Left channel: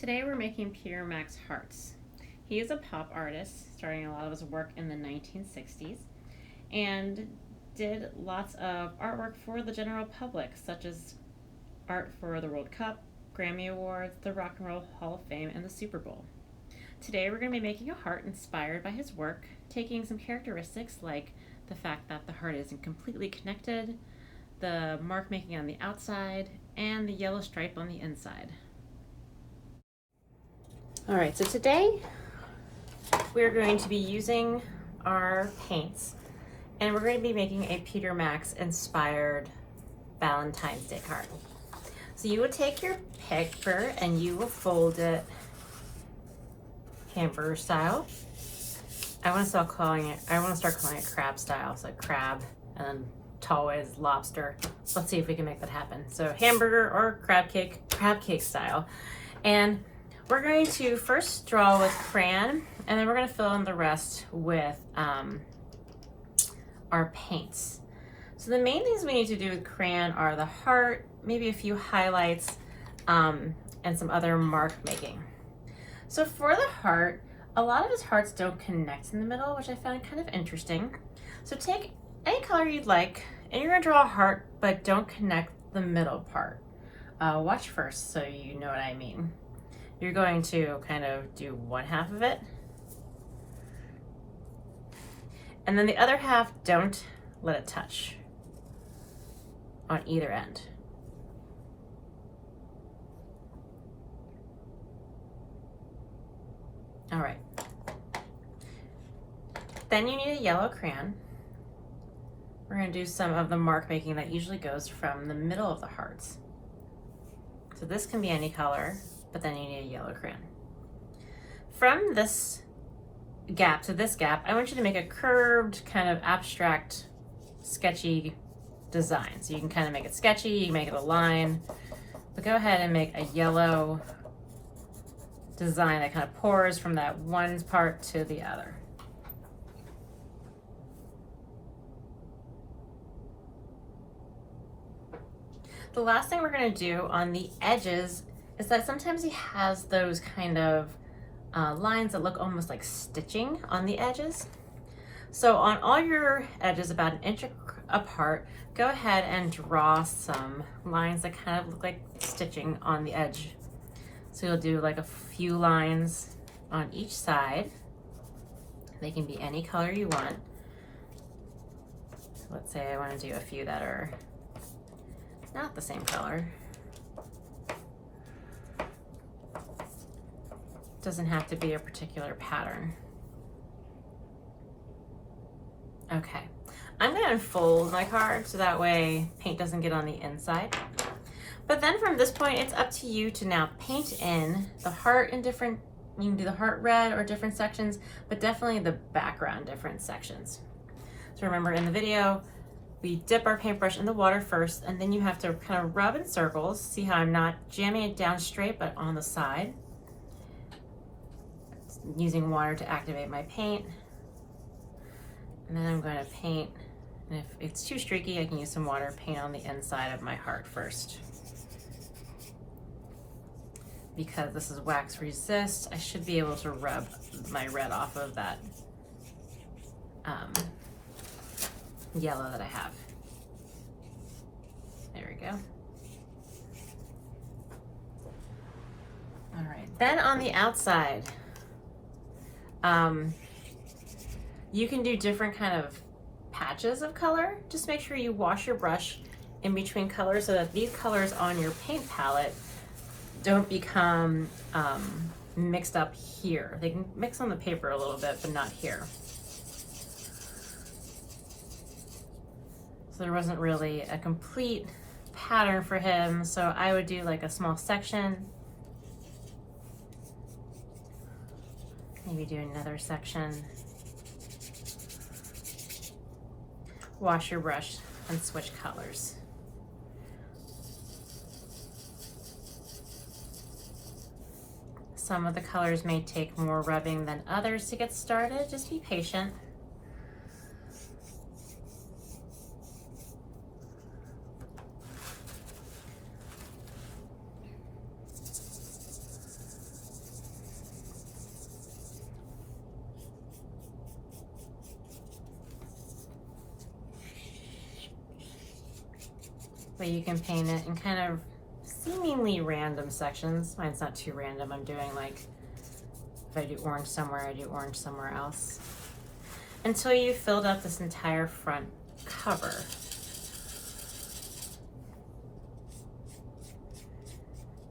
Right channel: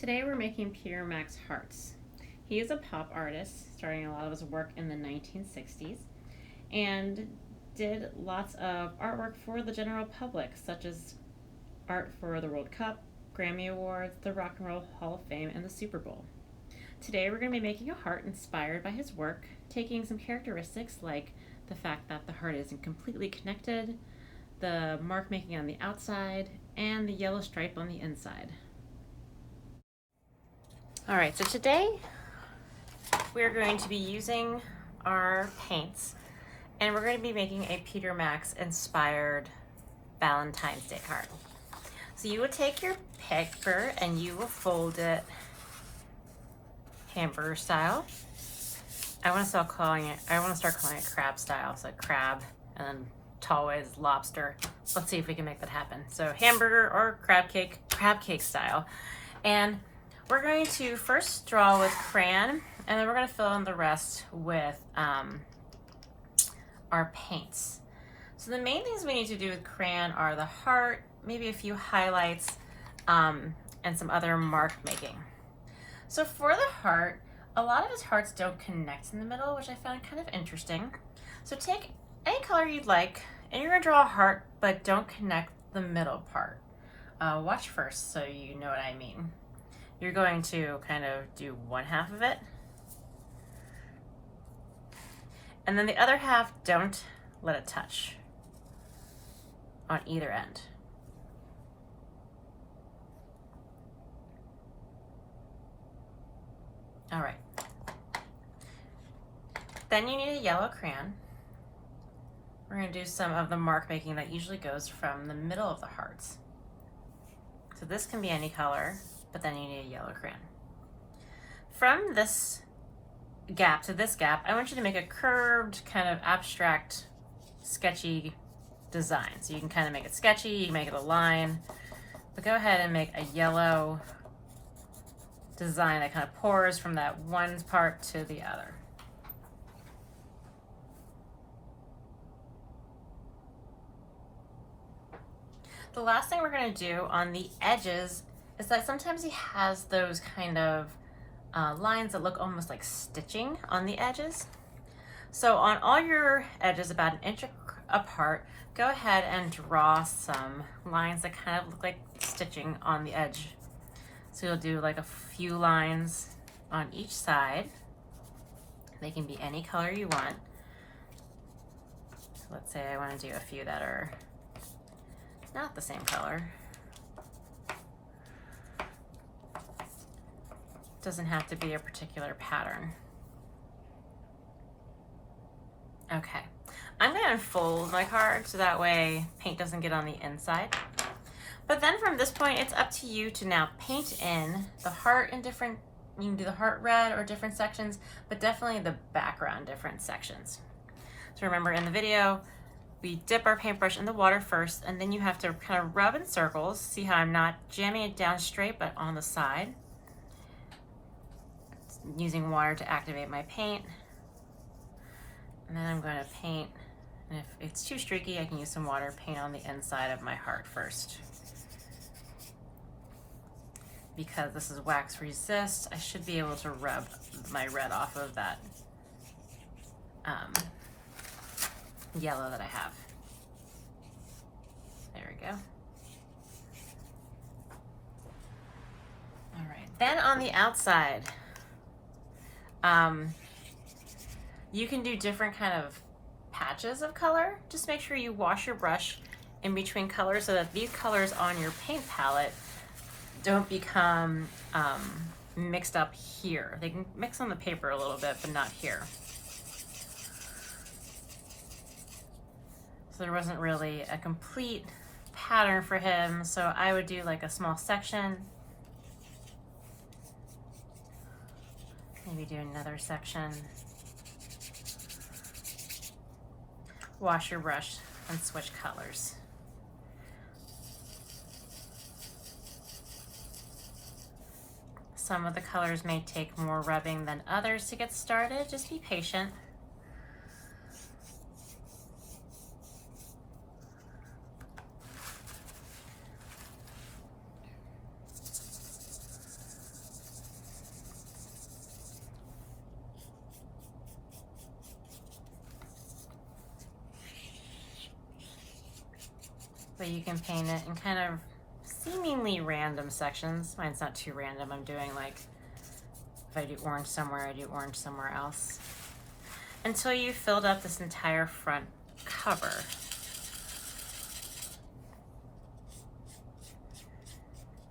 Today we're making Peter Max hearts. He is a pop artist, starting a lot of his work in the 1960s, and did lots of artwork for the general public, such as art for the World Cup, Grammy Awards, the Rock and Roll Hall of Fame, and the Super Bowl. Today we're going to be making a heart inspired by his work, taking some characteristics like the fact that the heart isn't completely connected, the mark making on the outside, and the yellow stripe on the inside. Alright, so today we're going to be using our paints and we're going to be making a Peter Max inspired Valentine's Day heart. So you would take your paper and you will fold it hamburger style. I want to start calling it crab style, so crab and then Tallways lobster. Let's see if we can make that happen. So hamburger or crab cake style. And we're going to first draw with crayon, and then we're going to fill in the rest with our paints. So the main things we need to do with crayon are the heart, maybe a few highlights, and some other mark making. So for the heart, a lot of his hearts don't connect in the middle, which I find kind of interesting. So take any color you'd like, and you're going to draw a heart, but don't connect the middle part. Watch first so you know what I mean. You're going to kind of do one half of it, and then the other half, don't let it touch on either end. All right. Then you need a yellow crayon. We're going to do some of the mark making that usually goes from the middle of the hearts. So this can be any color, but then you need a yellow crayon. From this gap to this gap, I want you to make a curved, kind of abstract, sketchy design. So you can kind of make it sketchy, you can make it a line, but go ahead and make a yellow design that kind of pours from that one part to the other. The last thing we're going to do on the edges is that sometimes he has those kind of lines that look almost like stitching on the edges. So on all your edges about 1 inch apart, go ahead and draw some lines that kind of look like stitching on the edge. So you'll do like a few lines on each side. They can be any color you want. So let's say I want to do a few that are not the same color. Doesn't have to be a particular pattern. Okay, I'm gonna unfold my card so that way paint doesn't get on the inside. But then from this point, it's up to you to now paint in the heart in different, you can do the heart red or different sections, but definitely the background different sections. So remember in the video, we dip our paintbrush in the water first, and then you have to kind of rub in circles. See how I'm not jamming it down straight, but on the side. Using water to activate my paint. And then I'm going to paint, and if it's too streaky, I can use some water, paint on the inside of my heart first. Because this is wax resist, I should be able to rub my red off of that yellow that I have. There we go. All right, then on the outside, you can do different kind of patches of color. Just make sure you wash your brush in between colors so that these colors on your paint palette don't become mixed up here. They can mix on the paper a little bit, but not here. So there wasn't really a complete pattern for him, so I would do like a small section. Maybe do another section. Wash your brush and switch colors. Some of the colors may take more rubbing than others to get started. Just be patient. But you can paint it in kind of seemingly random sections. Mine's not too random. I'm doing like, if I do orange somewhere, I do orange somewhere else. Until you filled up this entire front cover.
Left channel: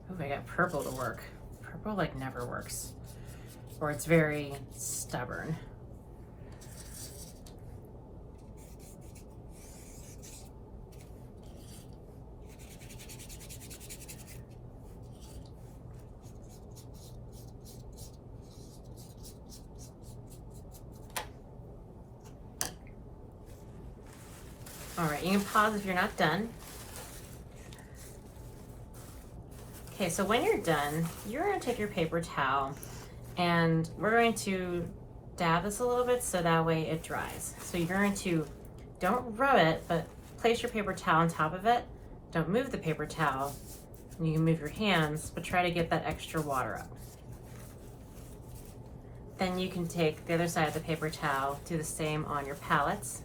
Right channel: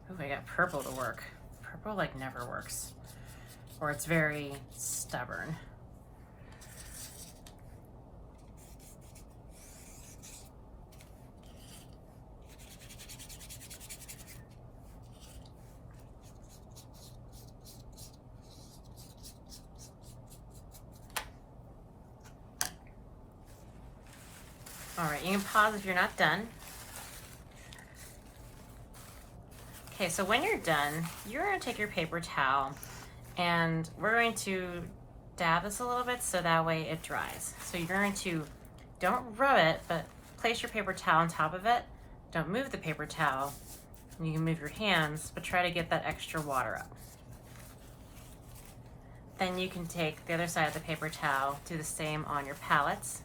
Oh, I got purple to work. Purple like never works. Or it's very stubborn. All right, you can pause if you're not done. Okay, so when you're done, you're gonna take your paper towel and we're going to dab this a little bit so that way it dries. So you're going to, don't rub it, but place your paper towel on top of it. Don't move the paper towel. You can move your hands, but try to get that extra water up. Then you can take the other side of the paper towel, do the same on your palettes.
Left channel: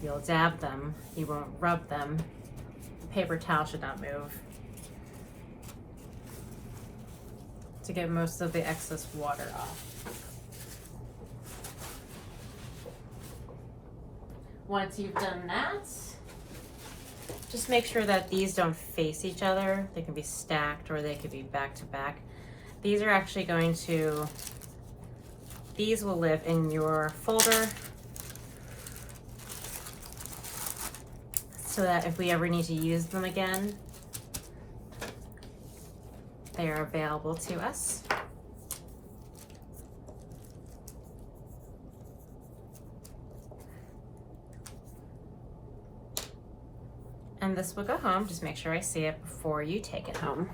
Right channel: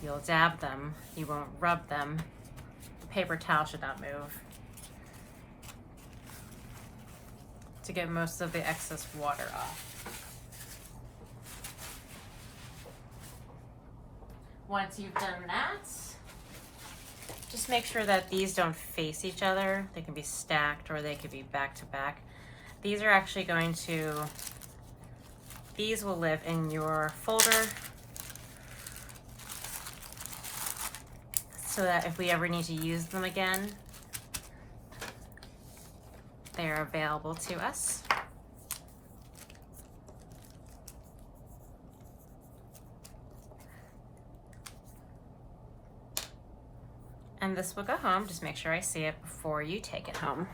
You'll dab them, you won't rub them. The paper towel should not move to get most of the excess water off. Once you've done that, just make sure that these don't face each other. They can be stacked or they could be back to back. These are actually going to, these will live in your folder so that if we ever need to use them again, they are available to us. And this will go home. Just make sure I see it before you take it home.